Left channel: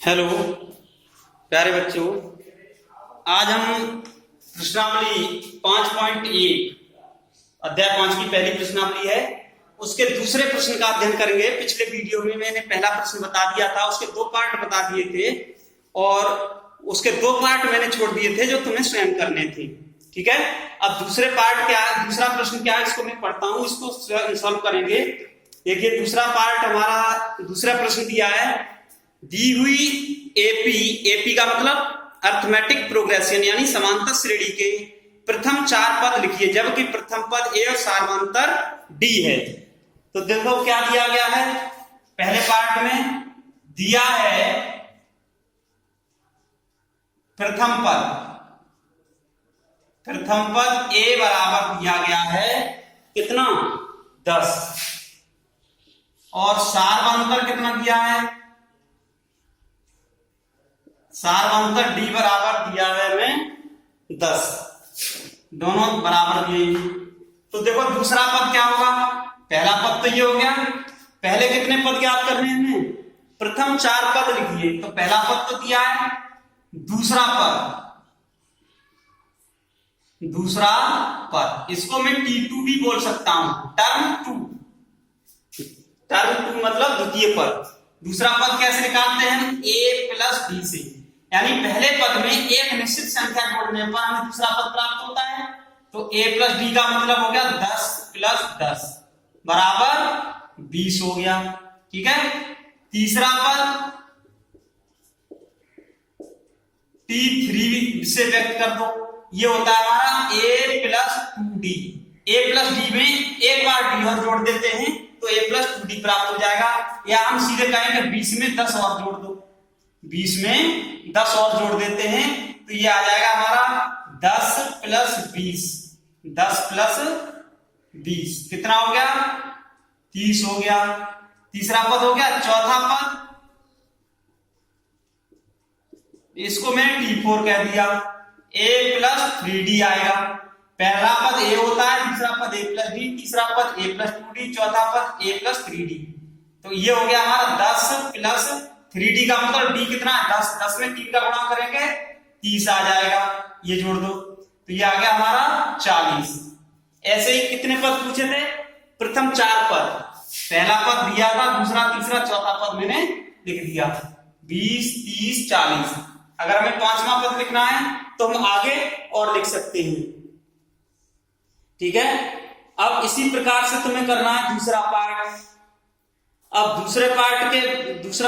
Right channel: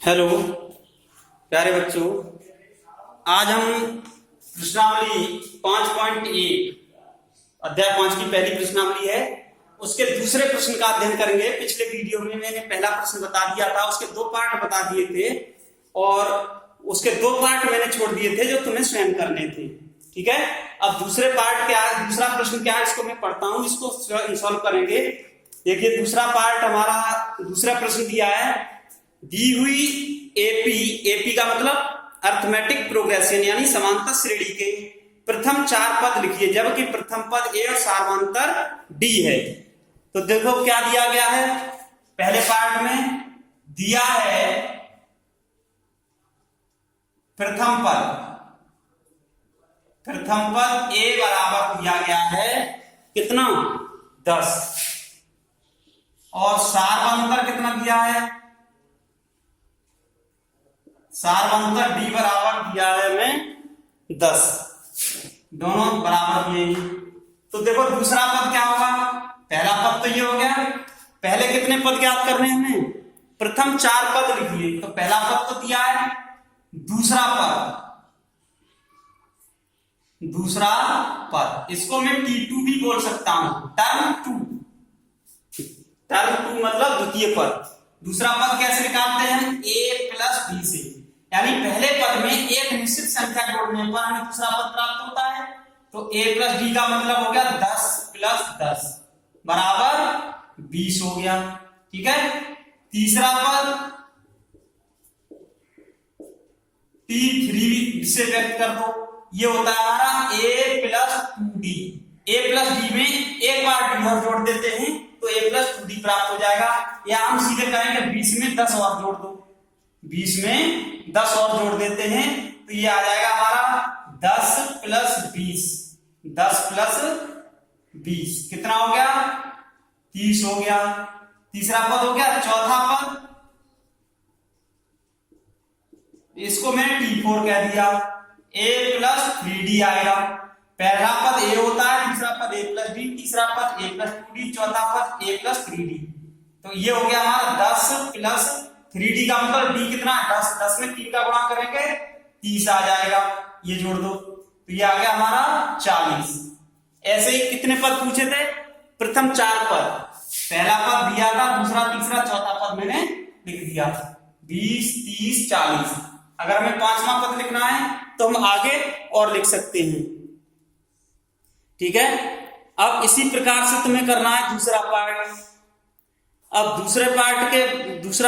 Hello प्यारे बच्चों, आज हम प्रश्नावली 5.1 अध्याय 5 की पहली प्रश्नावली है, उसके दूसरे प्रश्न का अध्ययन करेंगे। पिछले वीडियो में मैंने पहला प्रश्न बता दिया था, उसके दो पार्ट बता दिए थे और उसके दो पार्ट मैंने छोड़ दिए थे जो तुम्हें स्वयं करने थे। ठीक है, अब दूसरे पार्ट क्या है, दूसरा प्रश्न क्या है, इसको मैं पढ़ता हूं, इसको सॉल्व करेंगे। देखिए दूसरा पार्ट हमारा, दूसरा प्रश्न दिया है, दी हुई एपी का मतलब अर्थमेटिक प्रोग्रेशन यानी समांतर श्रेणी के प्रथम चार पद लिखिए, जबकि प्रथम पद ए और सार्वंतर डी है। तो देखो क्या दिया गया है, पहले पार्ट में दिया है प्रथम पद ए बराबर दिया गया है कितना 10 और सार्वंतर कितना दिया है, सार्वंतर डी बराबर दिया है हमें 10, दोनों बराबर दिए। तो देखो दूसरा पद क्या होगा, पहला पद तो ये हो गया, पहले कितने पद ज्ञात करने हैं हमें, प्रथम चार पद लिखिए। तो पहला पद तो दिया है, दूसरा पद इसको मैं T2 भी बोल सकता हूं, टर्म टू मतलब द्वितीय पद। दूसरा पद कैसे निकालते हैं, a प्लस डी से, यानी पहले पद में एक निश्चित संख्या जोड़ने पर हमें दूसरा पद प्राप्त होता है। तो a प्लस डी का मतलब हो गया 10 प्लस 10 बराबर 20 हो गया। ठीक है, तीसरा पद T3 से व्यक्त कर दो, ये होता है हमारा a plus 2d। a plus D में एक बार डी और जोड़ देते हैं तो a प्लस 2d प्राप्त हो जाएगा, या हम सीधे कहेंगे 20 में 10 और जोड़ दो, 20 में 10 और जोड़ देते हैं तो ये आ जाएगा हमारा 10 प्लस 20, 10 प्लस 20 कितना हो गया 30 हो गया। तीसरा पद हो गया, चौथा पद इसको मैं T4 कह दिया, a प्लस 3d आएगा। पहला पद a होता है, दूसरा पद a प्लस डी, तीसरा पद a प्लस 2d, चौथा पद a प्लस 3d। तो ये हो गया हमारा 10 प्लस 3d का मतलब d कितना है 10, 10 में 3 का गुणा करेंगे 30 आ जाएगा, ये जोड़ दो तो ये आ गया हमारा 40। ऐसे ही कितने पद पूछे थे, प्रथम चार पद, पहला पद दिया था, दूसरा तीसरा चौथा पद मैंने लिख दिया 20 30 40। अगर हमें पांचवा पद लिखना है तो हम आगे और लिख सकते हैं। ठीक है, अब इसी प्रकार से तुम्हें करना है दूसरा पार्ट। अब दूसरा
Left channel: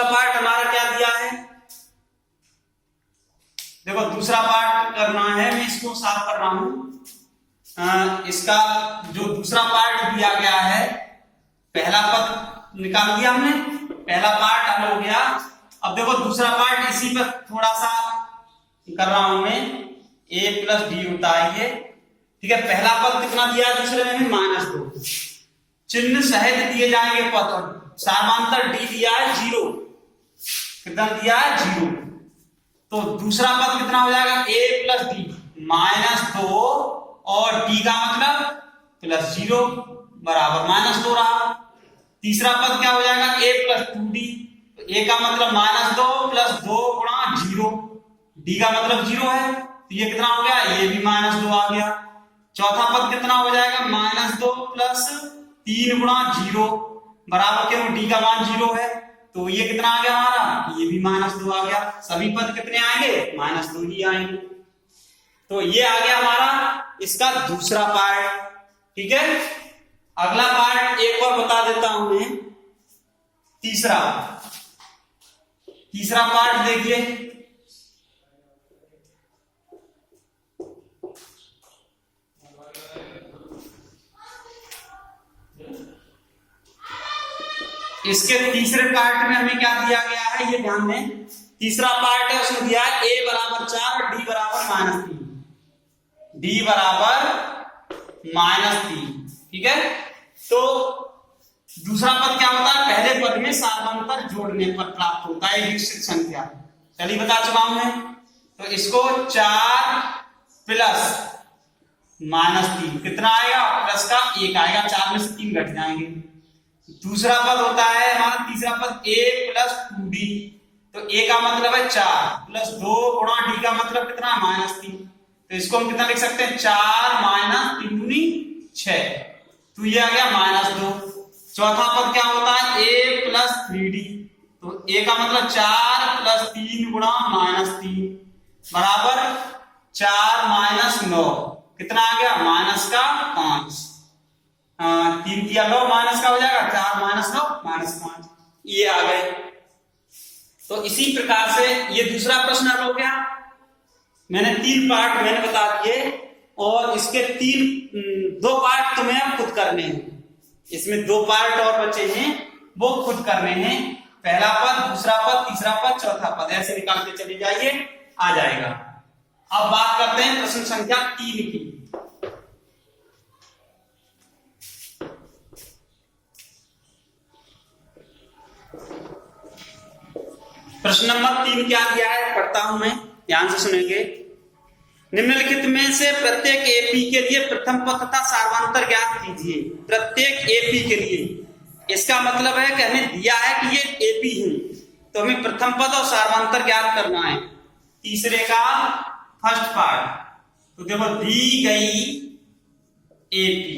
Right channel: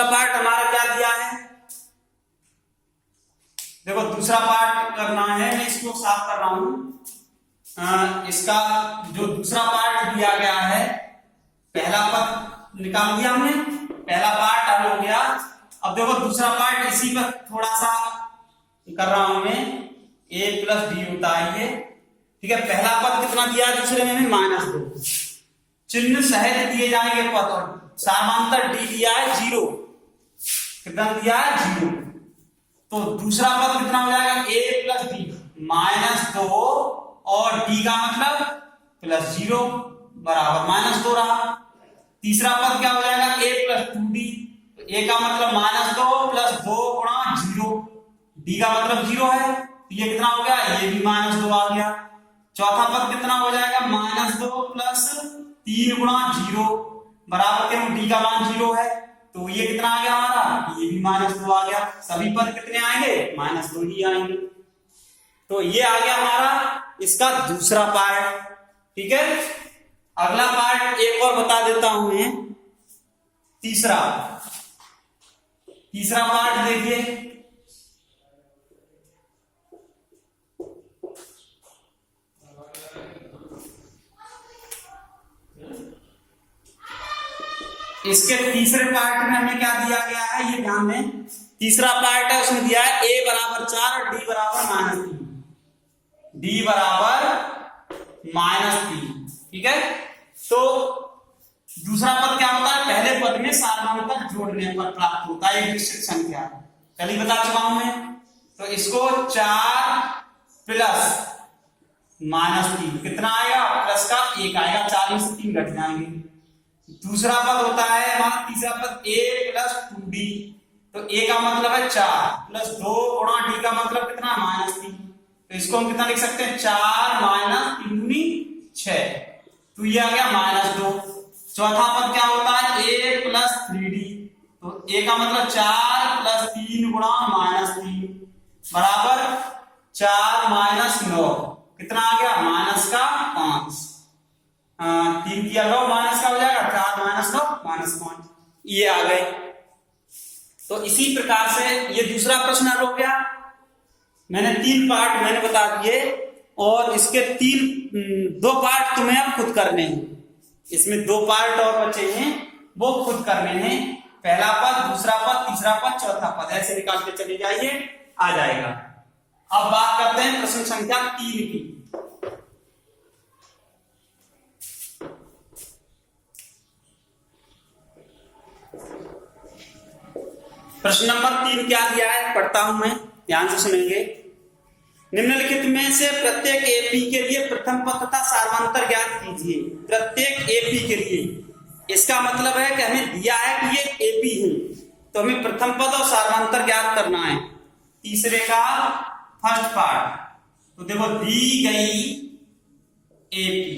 पार्ट हमारा क्या दिया है, देखो दूसरा पार्ट करना है, मैं इसको साफ कर रहा हूं। इसका जो दूसरा पार्ट दिया गया है, पहला पद निकाल दिया हमने, पहला पार्ट हल हो गया। अब देखो दूसरा पार्ट इसी पर थोड़ा सा कर रहा हूं मैं, a प्लस डी होता है ये। ठीक है, पहला पद कितना दिया, दूसरे में -2, चिन्ह सहित दिए जाएंगे पद, और सार्वंतर डी दिया है 0, कितना दिया है 0। तो दूसरा पद कितना हो जाएगा, a प्लस डी -2 और d का मतलब प्लस 0 बराबर -2 रहा। तीसरा पद क्या हो जाएगा, a प्लस 2d, a का मतलब -2 प्लस 2 गुणा 0, d का मतलब 0 है तो ये कितना हो गया, ये भी -2 आ गया। चौथा पद कितना हो जाएगा, -2 प्लस 3 गुणा 0 बराबर क्यों, d का मान 0 है तो ये कितना आ गया हमारा, ये भी -2 आ गया। सभी पद कितने आएंगे, -2 ही आएंगे। तो ये आ गया हमारा इसका दूसरा पार्ट। ठीक है, अगला पार्ट एक और बता देता हूं मैं, तीसरा पार्ट देखिए, इसके तीसरे पार्ट में हमें क्या दिया गया है, ये ध्यान दें। तीसरा पार्ट है, उसमें दिया है a बराबर 4 और d बराबर -3, d बराबर -3। ठीक है, तो दूसरा पद क्या होता है, पहले पद में सार्वंतर जोड़ने पर प्राप्त होता है निश्चित संख्या, चलिए बता चुका हूं मैं। तो इसको 4 प्लस -3 कितना आएगा, प्लस का 1 आएगा, 4 में से 3 घट जाएंगे। दूसरा पद होता है हमारा तीसरा पद a प्लस 2d, तो ए का मतलब है 4 प्लस 2 गुणा डी का मतलब कितना -3, तो इसको हम कितना लिख सकते हैं 4 माइनस 3 दूनी 6, तो ये आ गया -2। चौथा पद क्या होता है a प्लस 3d, तो a का मतलब 4 प्लस 3 गुणा -3 बराबर 4 माइनस 9, कितना आ गया -5, 3 किया 9 माइनस का हो जाएगा 4 माइनस 9 -5, ये आ गए। तो इसी प्रकार से ये दूसरा प्रश्न हो गया। मैंने 3 पार्ट मैंने बता दिए और इसके 2 पार्ट तुम्हें अब खुद करने हैं, इसमें 2 पार्ट और बचे हैं वो खुद करने हैं, पहला पद, दूसरा पद, तीसरा पद, चौथा पद, ऐसे निकालते चले जाइए, आ जाएगा। अब बात करते हैं प्रश्न संख्या 3 की। प्रश्न नंबर 3 क्या दिया है पढ़ता हूं मैं, ध्यान से सुनेंगे। निम्नलिखित में से प्रत्येक एपी के लिए प्रथम पद तथा सार्वंतर ज्ञात कीजिए। प्रत्येक एपी के लिए, इसका मतलब है कि हमें दिया है कि ये एपी है, तो हमें प्रथम पद और सार्वंतर ज्ञात करना है। तीसरे का फर्स्ट पार्ट, तो देखो दी गई एपी,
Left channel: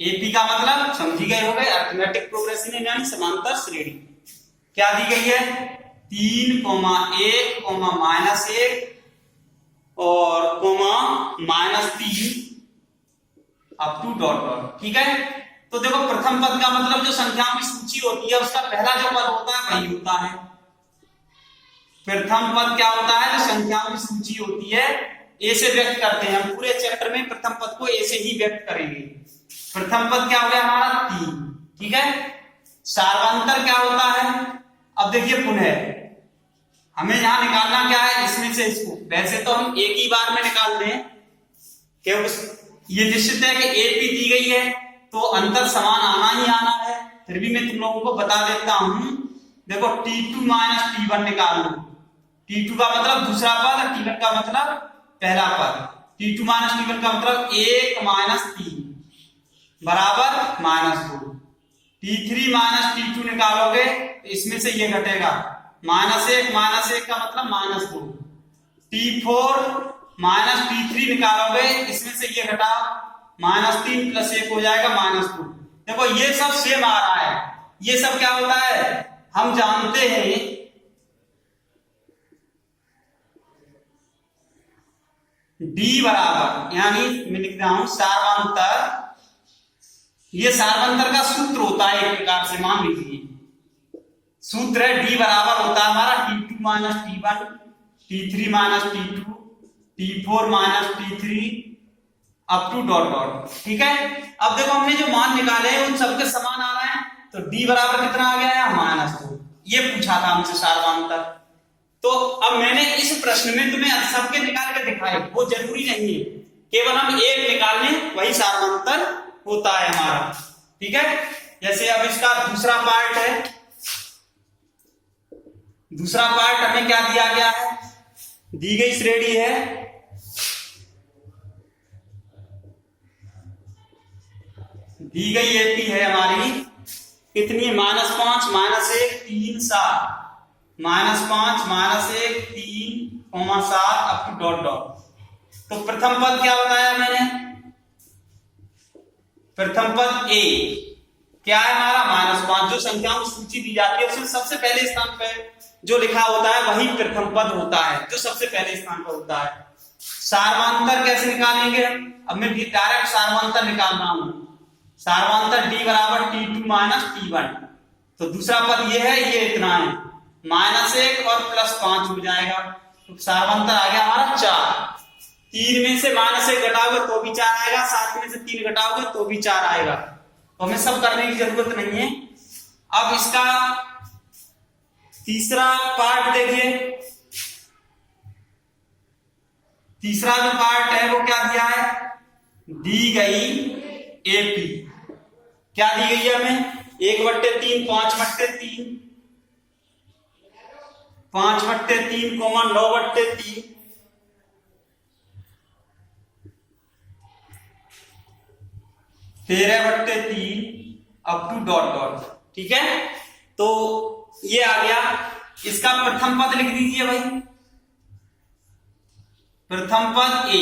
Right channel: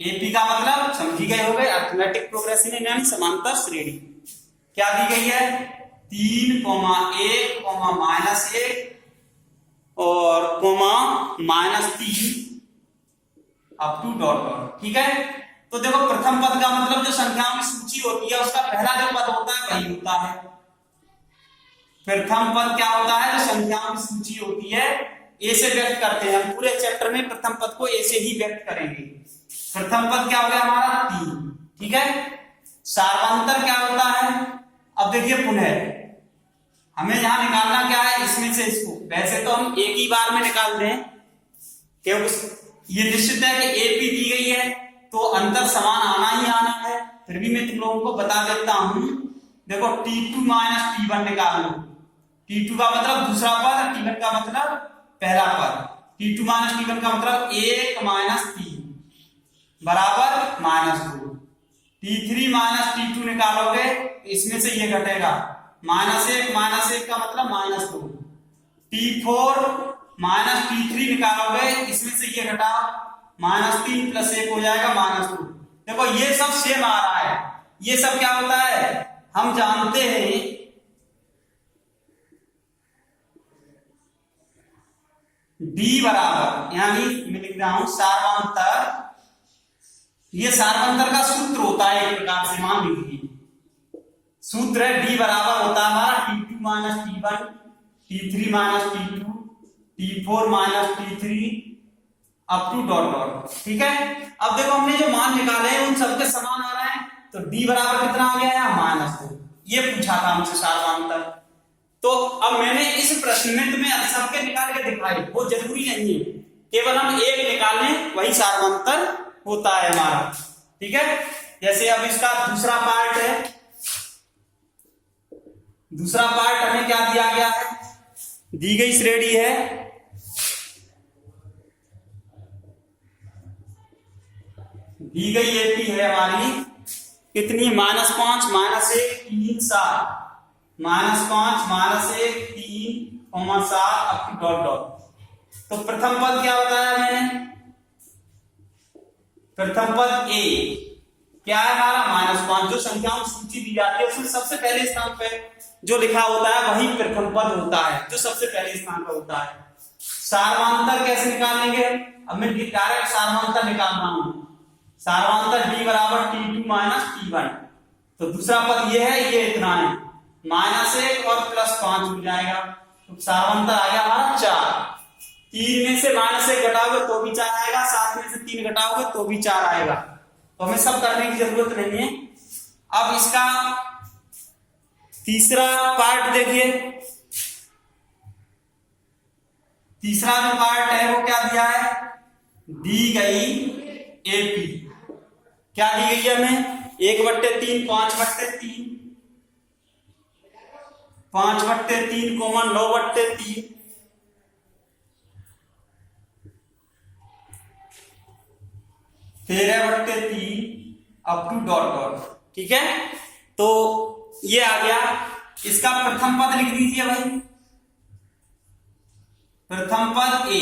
एपी का मतलब समझी गए हो गए, अरिथमेटिक प्रोग्रेशन यानी समांतर श्रेणी। क्या दी गई है 3, 1, -1 और -3 अप टू डॉट डॉट, ठीक है। तो देखो प्रथम पद का मतलब जो संख्याओं की सूची होती है उसका पहला जो पद होता है वही होता है। प्रथम पद क्या होता है, जो संख्याओं की सूची होती है ए से व्यक्त करते हैं, हम पूरे चैप्टर में प्रथम पद को ए से ही व्यक्त करेंगे। प्रथम पद क्या हो गया हमारा 3, ठीक है। सार्वंतर क्या होता है, अब देखिए पुनः हमें यहां निकालना क्या है, इसमें से इसको, वैसे तो हम एक ही बार में निकाल दें क्योंकि ये निश्चित है कि एपी दी गई है तो अंतर समान आना ही आना है, फिर भी मैं तुम लोगों को बता देता हूं। देखो T2 माइनस T1 निकाल लो, T2 का मतलब दूसरा पद और T1 का मतलब पहला पद। T2 माइनस T1 का मतलब 1 माइनस 3 बराबर -2। T3 माइनस T2 निकालोगे इसमें से ये घटेगा -1 का मतलब -2। T4 माइनस T3 निकालोगे इसमें से ये घटाओ -3 + 1 हो जाएगा -2। देखो ये सब सेम आ रहा है, ये सब क्या होता है हम जानते हैं D बराबर, यानी मैं लिख रहा हूं सार्वंतर, ये सार्वंतर का सूत्र होता है एक प्रकार से, मान लीजिए सूत्र है D बराबर होता है हमारा T2 minus T1, T3 minus T2, T4 minus T3 up to dot dot, ठीक है। अब देखो हमने जो मान निकाले हैं उन सबके समान आ रहा है, तो D बराबर कितना आ गया है -2, ये पूछा था हमसे सार्वंतर। तो अब मैंने इस प्रश्न में तुम्हें सबके निकाल के दिखाए, वो जरूरी नहीं है, केवल हम एक निकाल लें वही सार्वंतर होता है हमारा, ठीक है। जैसे अब इसका दूसरा पार्ट है, दूसरा पार्ट हमें क्या दिया गया है, दी गई श्रेणी है, दी गई एपी है हमारी कितनी -5 -1 3 7 -5 -1 3 7 अप टू डॉट डॉट। तो प्रथम पद क्या बताया मैंने, प्रथम पद ए क्या है हमारा -5, जो संख्याओं की सूची दी जाती है उसमें सबसे पहले स्थान पे जो लिखा होता है वही प्रथम पद होता है, जो सबसे पहले स्थान पर होता है। सार्वंतर कैसे निकालेंगे, अब मैं डायरेक्ट सार्वंतर निकाल रहा हूं, सार्वंतर D बराबर T2 माइनस T1, तो दूसरा पद ये है, ये इतना है -1 और +5 हो जाएगा, तो सार्वंतर आ गया हमारा 4। 3 में से -1 घटाओगे तो भी 4 आएगा, 7 में से 3 घटाओगे तो भी 4 आएगा, तो हमें सब करने की जरूरत नहीं है। अब इसका तीसरा पार्ट देखिए, तीसरा जो पार्ट है वो क्या दिया है, दी गई एपी क्या दी गई है हमें 1/3 5/3 5/3 9/3 13/3 अप टू डॉट डॉट, ठीक है। तो ये आ गया इसका प्रथम पद लिख दीजिए भाई। प्रथम पद ए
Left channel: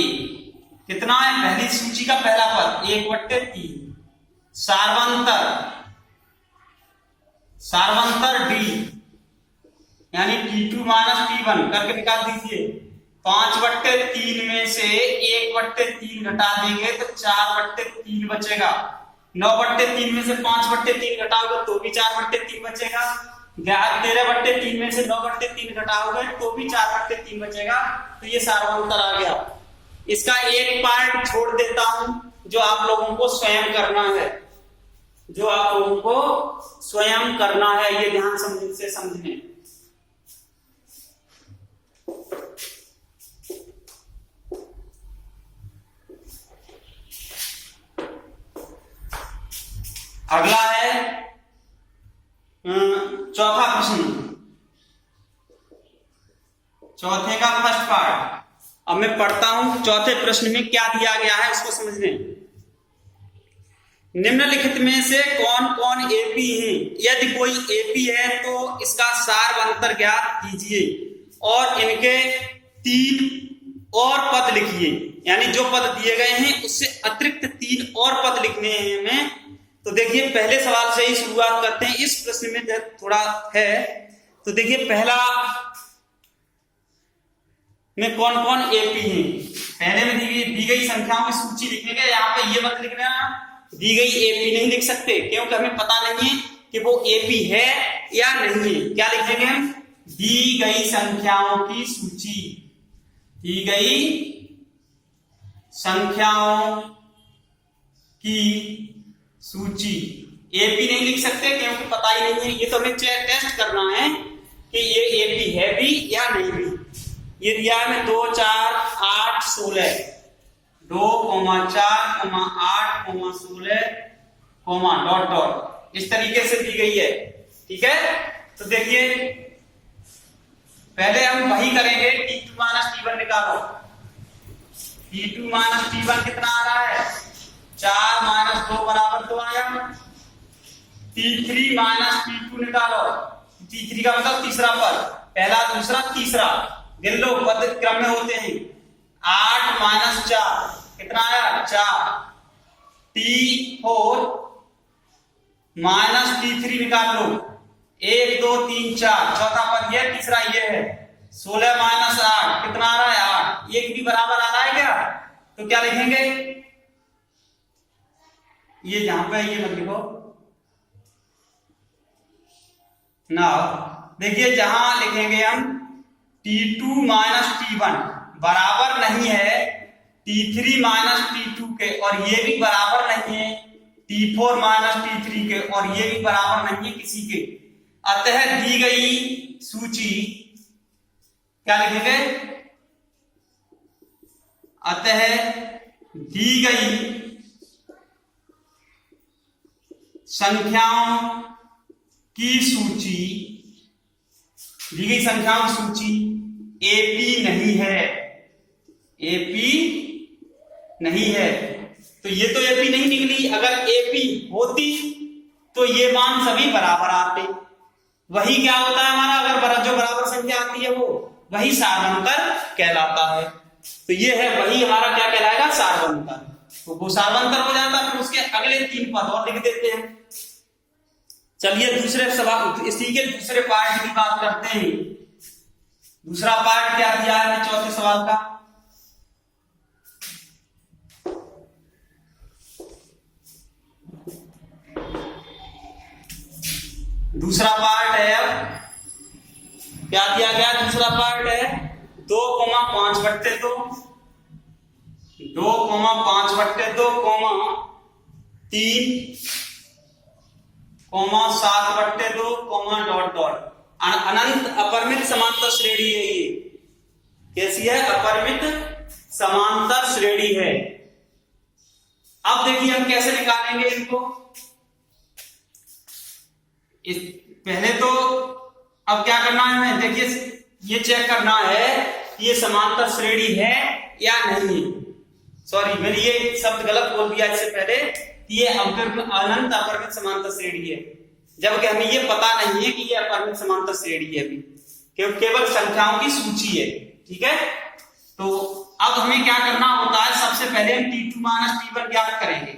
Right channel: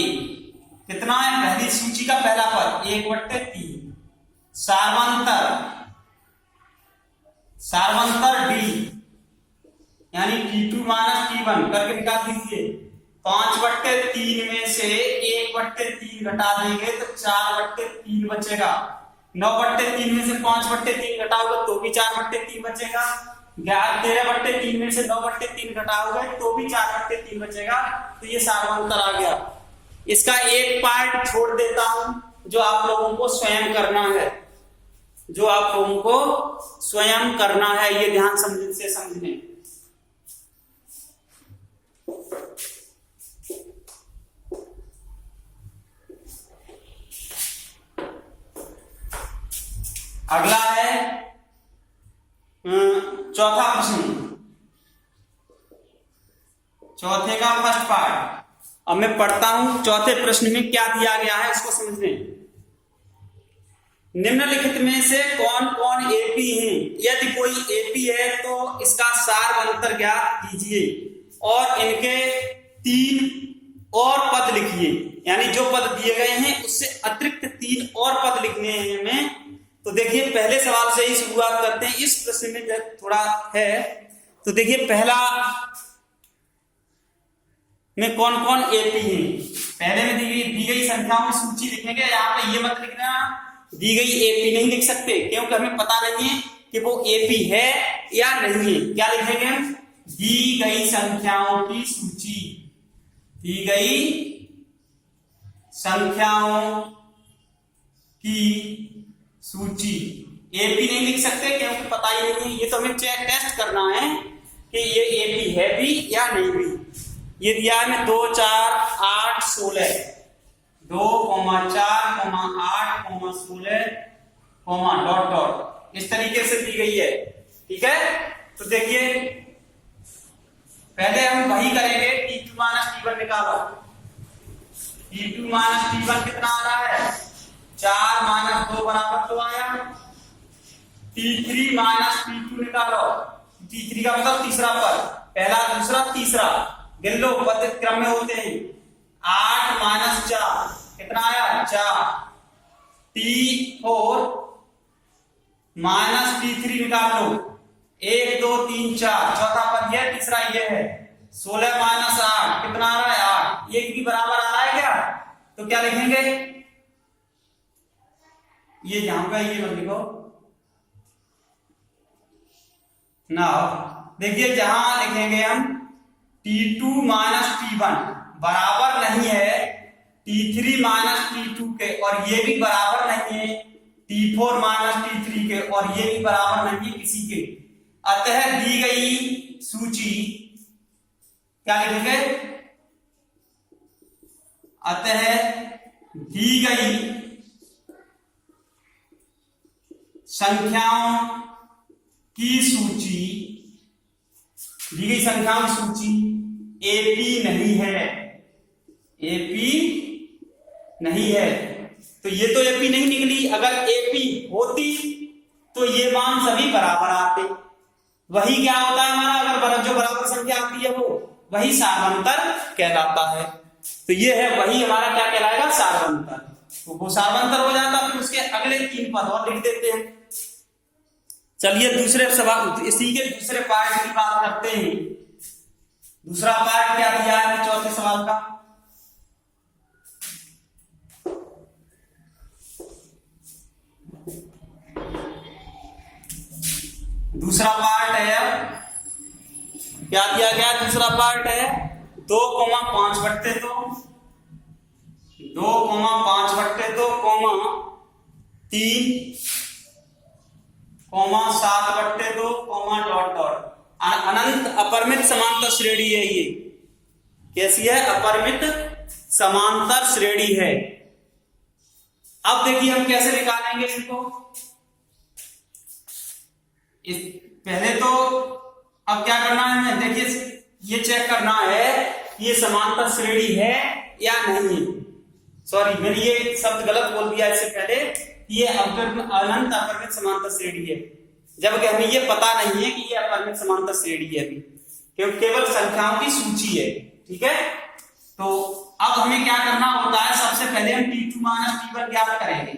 कितना है, पहली सूची का पहला पद 1/3, सारवंतर डी यानी T2 माइनस T1 करके निकाल दीजिए। 5/3 में से 1/3 घटा देंगे तो 4/3 बचेगा। 9/3 में से 5/3 घटाओगे तो भी 4/3 बचेगा। 13/3 में से 9/3 घटाओगे तो भी 4/3 बचेगा। तो ये सारवंतर आ गया। इसका एक पार्ट छोड़ देता हूं जो आप लोगों को स्वयं करना है, ये ध्यान से समझने। अगला है चौथा प्रश्न, चौथे का फर्स्ट पार्ट। अब मैं पढ़ता हूं चौथे प्रश्न में क्या दिया गया है उसको समझने। निम्नलिखित में से कौन कौन एपी हैं? यदि कोई एपी है तो इसका सारवंतर ज्ञात कीजिए और इनके 3 और पद लिखिए। यानी जो पद दिए गए हैं उससे अतिरिक्त 3 और पद लिखने हैं हमें। तो देखिए पहले सवाल से ही शुरुआत करते हैं। इस प्रश्न में थोड़ा है तो देखिए पहला में कौन कौन एपी हैं। पहले में दी गई संख्याओं की सूची लिखने के, यहाँ पे ये मत लिखना दी गई एपी नहीं लिख सकते क्योंकि हमें पता नहीं है कि वो एपी है या नहीं है। क्या लिखेंगे हम? दी गई संख्याओं की सूची, दी गई संख्याओं की सूची। एपी नहीं लिख सकते क्योंकि पता ही नहीं है। ये तो हमें टेस्ट करना है कि ये एपी है भी या नहीं भी। ये दिया है 2, 4, 8, 16, 2, 4, 8, 16, डॉट डॉट इस तरीके से दी गई है। ठीक है, तो देखिए पहले हम वही करेंगे। T2 माइनस T1 निकालो। T2 माइनस T1 कितना आ रहा है? 4 माइनस 2 बराबर 2 आया। T3 माइनस T2 निकालो। T3 का मतलब तीसरा पद, पहला दूसरा तीसरा गिन लो, पद क्रम में होते हैं। 8 माइनस 4 कितना आया? 4। T4 माइनस T3 निकाल लो। 1 2 3 4 चौथा पद ये, तीसरा ये है। 16 माइनस 8 कितना आ रहा है? 8। एक भी बराबर आ रहा है क्या? तो क्या लिखेंगे? ये जहां पे ये मत लिखो ना। देखिए जहां लिखेंगे हम T2 माइनस T1 बराबर नहीं है T3 माइनस T2 के, और ये भी बराबर नहीं है T4 माइनस T3 के, और ये भी बराबर नहीं है किसी के। अतः दी गई सूची क्या लिखेंगे? अतः दी गई संख्याओं की सूची, दी गई संख्याओं की सूची एपी नहीं है, एपी नहीं है। तो ये तो एपी नहीं निकली। अगर एपी होती तो ये मान सभी बराबर आते। वही क्या होता है हमारा? अगर जो बराबर संख्या आती है वो वही सारवंतर कहलाता है। तो ये है वही हमारा क्या कहलाएगा? सारवंतर। तो वो सारवंतर हो जाता। फिर उसके अगले 3 पद और लिख देते हैं। चलिए दूसरे सवाल, इसी के दूसरे पार्ट की बात करते हैं। दूसरा पार्ट क्या दिया है चौथे सवाल का? दूसरा पार्ट है, अब क्या दिया गया? दूसरा पार्ट है 2,5/2, 2,5/2, 3, 7/2, डॉट डॉट। अनंत अपरिमित समांतर श्रेणी है। ये कैसी है? अपरिमित समांतर श्रेणी है। अब देखिए हम कैसे निकालेंगे इनको। पहले तो अब क्या करना है हमें? देखिए ये चेक करना है कि ये समांतर श्रेणी है या नहीं। सॉरी, मैंने ये शब्द गलत बोल दिया इससे पहले। ये अनंत अपरिमित समांतर श्रेणी है, जबकि हमें ये पता नहीं है कि ये अपरिमित समांतर श्रेणी है। अभी केवल संख्याओं की सूची है। ठीक है, तो अब हमें क्या करना होता है, सबसे पहले हम T2 माइनस T1 ज्ञात करेंगे।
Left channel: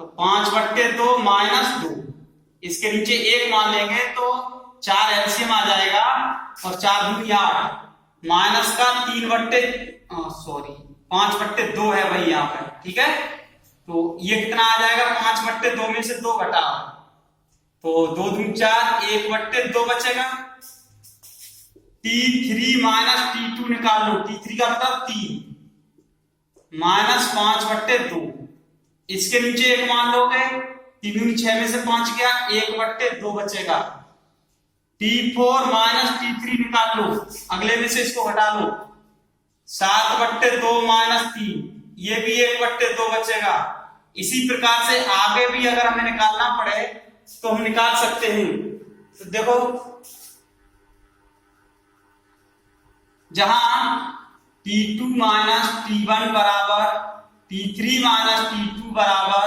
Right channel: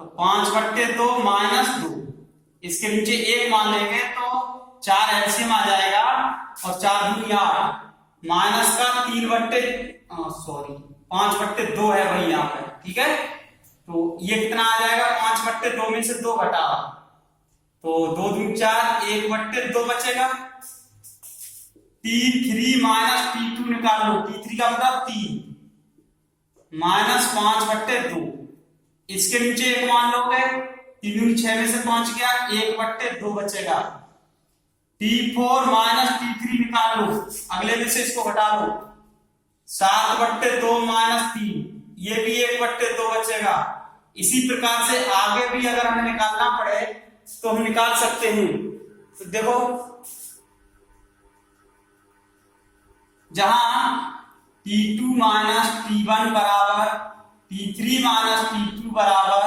तो 5/2 माइनस 2, इसके नीचे 1 मान लेंगे तो 4 एलसीएम आ जाएगा और 4 दूनी 8 माइनस का 5/2 है भाई यहाँ पर। ठीक है, तो ये कितना आ जाएगा, 5/2 में से 2 घटाओ तो 2 दूनी 4, 1/2 बचेगा। T3 माइनस T2 निकाल लो, T3 का मतलब 3 माइनस 5/2, इसके नीचे 1 मान लोगे, 3 दूनी 6 में से 5 गया, 1/2 बचेगा। T4 माइनस T3 निकाल लो, अगले में से इसको घटा लो, 7/2 माइनस 3, ये भी 1/2 बचेगा। इसी प्रकार से आगे भी अगर हमें निकालना पड़े तो हम निकाल सकते हैं। तो देखो, जहां T2 माइनस T1 बराबर T3 माइनस T2 बराबर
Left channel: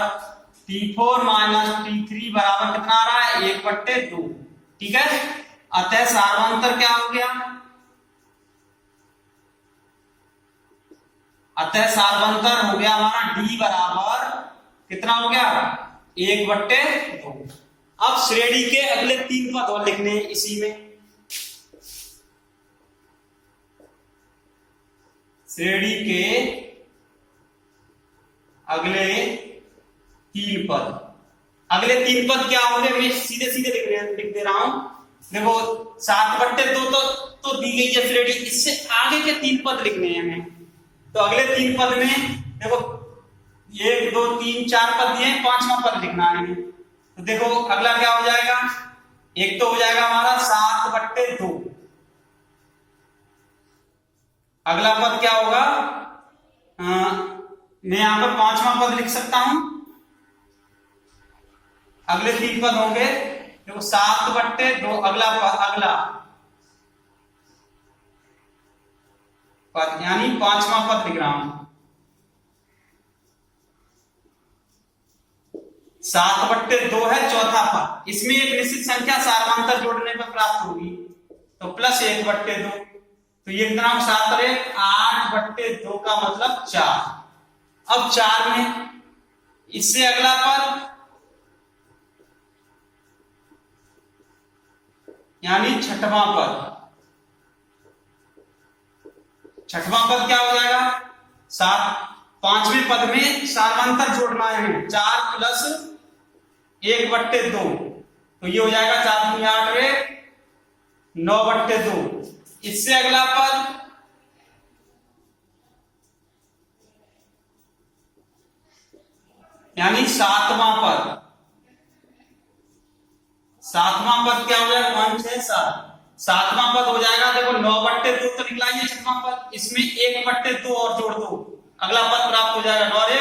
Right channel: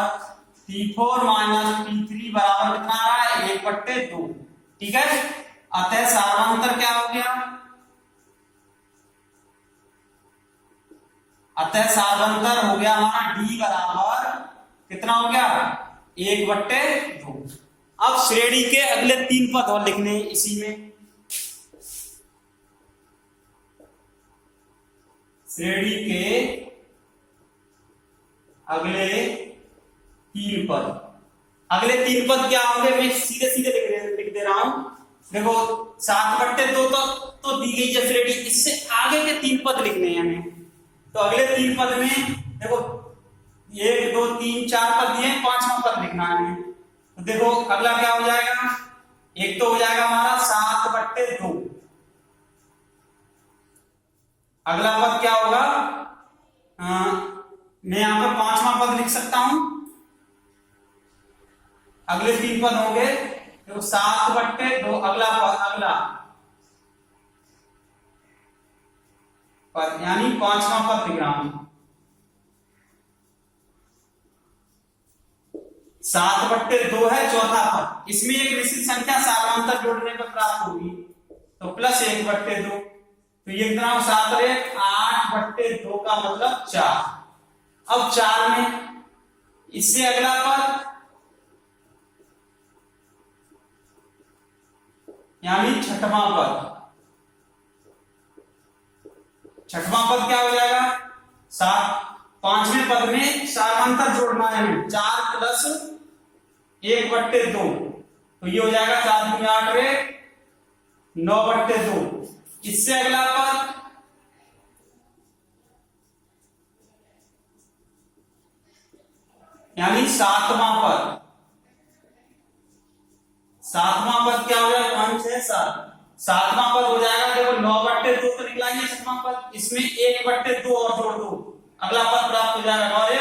T4 माइनस T3 बराबर कितना आ रहा है, 1/2। ठीक है, अतः सार्वंतर क्या हो गया, अतः सार्वंतर हो गया हमारा D बराबर कितना हो गया, 1/2। अब श्रेणी के अगले 3 पद और लिखने हैं इसी में। श्रेणी के अगले 3 पद, अगले 3 पद क्या होंगे, मैं सीधे सीधे लिख दे रहा हूं। देखो 7/2 तो दी गई है श्रेणी, इससे आगे के 3 पद लिखने हैं हमें। तो अगले 3 पद में देखो 1 2 3 4 पद दिए हैं, 5वां पद लिखना है। तो देखो अगला क्या हो जाएगा, एक तो हो जाएगा हमारा 7/2, अगला पद क्या होगा, मैं यहां पर 5वां पद लिख सकता हूं। अगले 3 पद होंगे, देखो 7/2, अगला पद यानी 5वां पद लिख रहा हूं। 7/2 है चौथा पद, इसमें एक निश्चित संख्या सार्वंतर जोड़ने पर प्राप्त होगी, तो प्लस 1/2, तो ये कितना 7 रे 8/2 का मतलब 4। अब 4 में इससे अगला पद यानी 6वां पद, 6वां पद क्या हो जाएगा, 5वें पद में सार्वंतर जोड़ना है 4 प्लस 1/2, तो ये हो जाएगा 4 दूनी 8 रे 9/2। इससे अगला पद यानी 7वां पद, 7वां पद क्या हो जाएगा, 5 6 7, 7वां पद हो जाएगा, देखो 9/2 तो निकला ये 6वां पद, इसमें 1/2 और जोड़ दो, अगला पद प्राप्त हो जाएगा 9 रे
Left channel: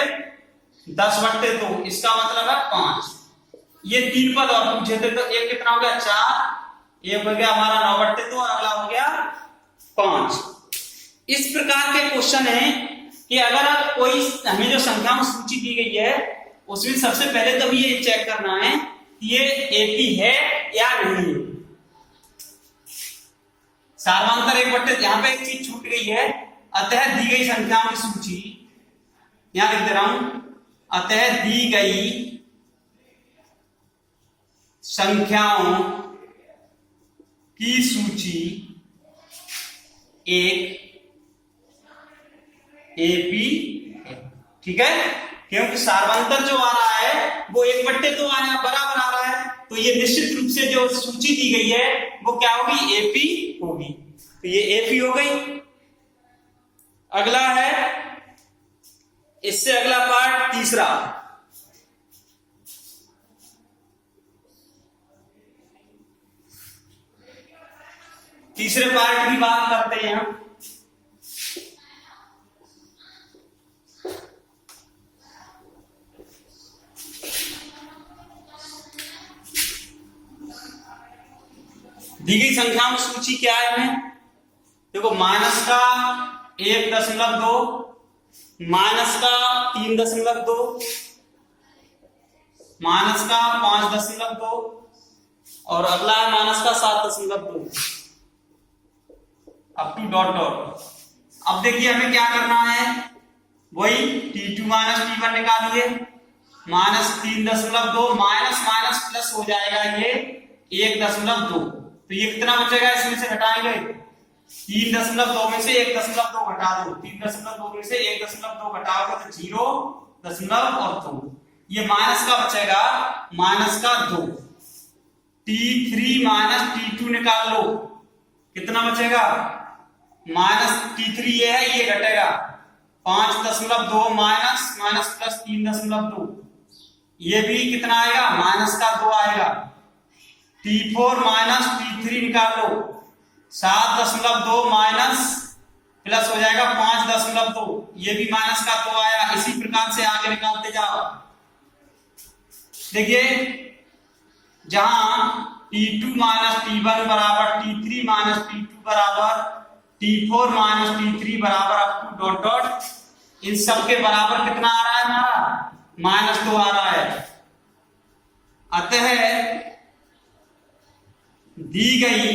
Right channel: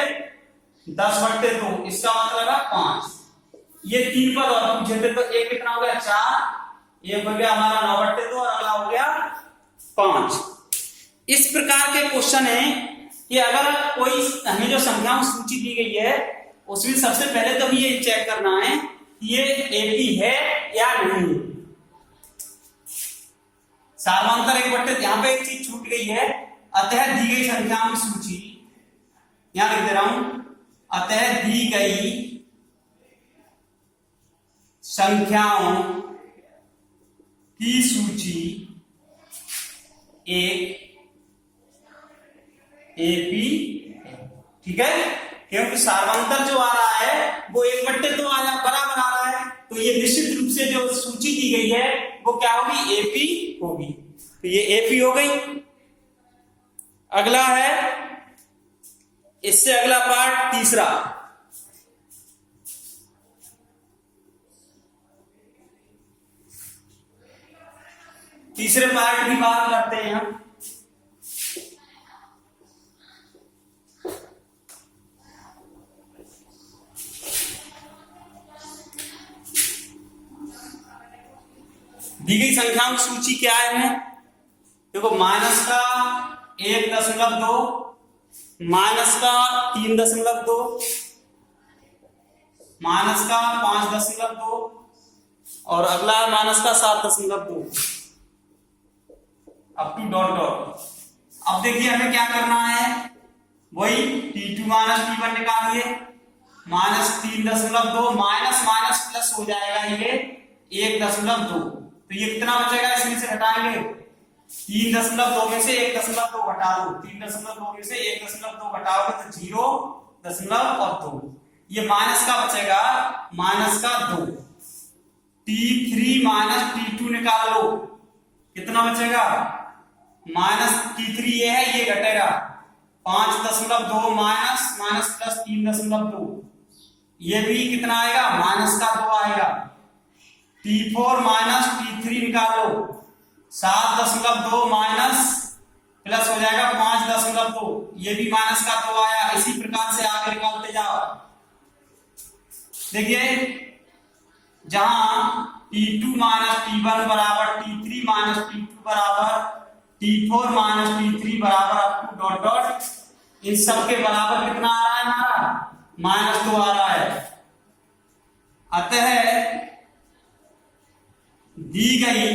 10/2, इसका मतलब है 5। ये 3 पद और पूछे थे, तो एक कितना हो गया 4, एक हो गया हमारा 9/2 और अगला हो गया 5। इस प्रकार के क्वेश्चन है कि अगर कोई हमें जो संख्याओं सूची दी गई है उसमें सबसे पहले तो ये चेक करना है कि ये एपी है या नहीं। सार्वंतर 1/2, यहां पे एक चीज छूट गई है, अतः दी गई संख्याओं की सूची, यहां लिख दे रहा हूं, अतः दी गई संख्याओं की सूची एक एपी है। ठीक है, क्योंकि सार्वंतर जो आ रहा है वो 1/2 बराबर आ रहा है, तो ये निश्चित रूप से जो सूची दी गई है वो क्या होगी, एपी होगी। तो ये एपी हो गई। अगला है, इससे अगला पार्ट तीसरा, तीसरे पार्ट की बात करते हैं हम। दी गई संख्याओं की सूची क्या है हमें, देखो माइनस का 1.2, माइनस का 3.2, माइनस का 5.2 और अगला है माइनस का 7.2। To dot dot. अब देखिए हमें क्या करना है, वही T2 माइनस T1 निकालिए, -3.2 माइनस माइनस प्लस हो जाएगा ये 1.2। तो ये कितना बचेगा, इसमें से घटाएंगे 3.2 में से 1.2 घटा दो, 3.2 में से 1.2 घटाओगे तो 0.2, ये माइनस का बचेगा -2। T3 माइनस T2 निकाल लो, कितना बचेगा -T3 ये है, ये घटेगा 5.2 माइनस माइनस प्लस 3.2, ये भी कितना आएगा -2 आएगा। T4 माइनस T3 निकाल लो, 7.2 माइनस प्लस हो जाएगा 5.2, ये भी -2 आया। इसी प्रकार से आगे निकालते जाओ। देखिए जहां T2 माइनस T1 बराबर T3 माइनस T2 बराबर T4 माइनस T3 बराबर अप टू डॉट डॉट, इन सब के बराबर कितना आ रहा है हमारा -2 आ रहा है। अतः दी गई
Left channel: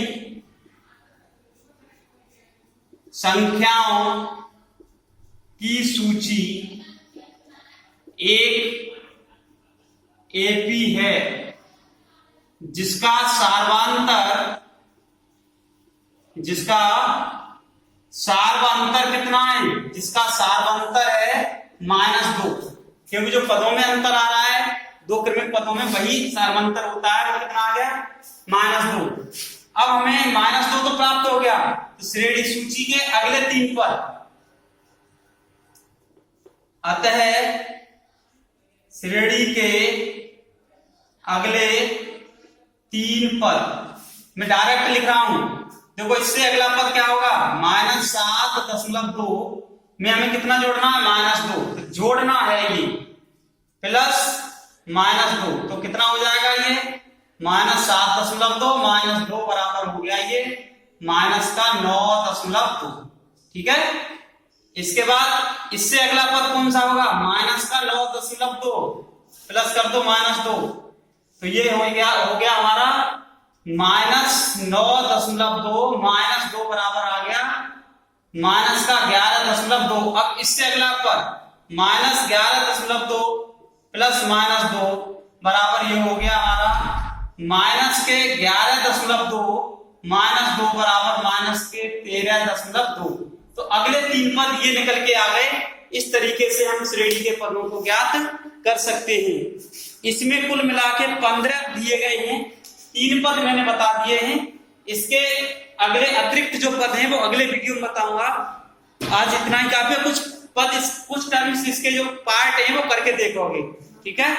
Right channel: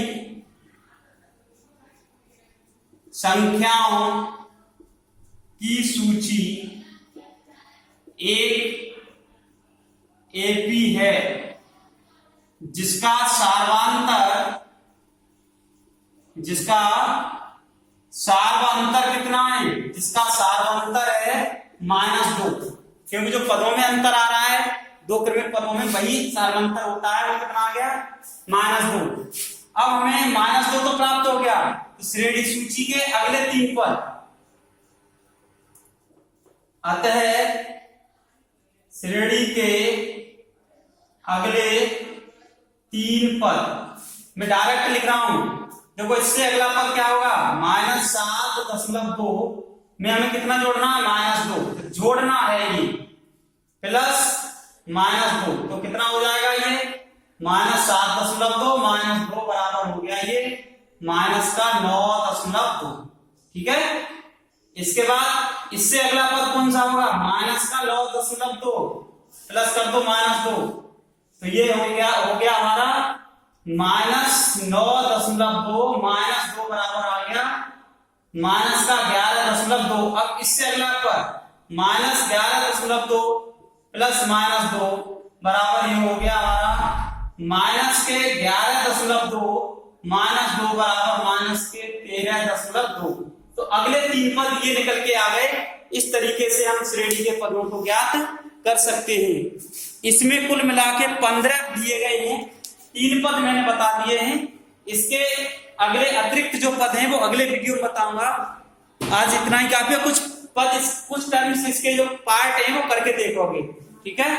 संख्याओं की सूची एक एपी है जिसका सार्वंतर कितना है, जिसका सार्वंतर है -2, क्योंकि जो पदों में अंतर आ रहा है, दो क्रमिक पदों में वही सार्वंतर होता है, वो कितना आ गया -2। अब हमें -2 तो प्राप्त हो गया, तो श्रेणी सूची के अगले 3 पद, अतः श्रेणी के अगले 3 पद मैं डायरेक्ट लिख रहा हूं। देखो इससे अगला पद क्या होगा, -7.2 में हमें कितना जोड़ना है -2, तो जोड़ना है ये प्लस -2, तो कितना हो जाएगा ये -7.2 -2 बराबर हो गया ये -9.2। ठीक है, इसके बाद इससे अगला पद कौन सा होगा, -9.2 प्लस कर दो -2, तो ये हो गया हमारा -9.2 -2 बराबर आ गया -11.2। अब इससे अगला पद -11.2 प्लस -2 बराबर ये हो गया हमारा -11.2 -2 बराबर -13.2। तो अगले 3 पद ये निकल के आ गए। इस तरीके से हम श्रेणी के पदों को ज्ञात कर सकते हैं। इसमें कुल मिला के 15 दिए गए हैं, 3 पद मैंने बता दिए हैं। इसके अगले अतिरिक्त जो पद हैं वो अगले वीडियो में बताऊंगा। आज इतना ही काफी है। कुछ टर्म्स इसके जो पार्ट हैं वो करके देखोगे। ठीक है।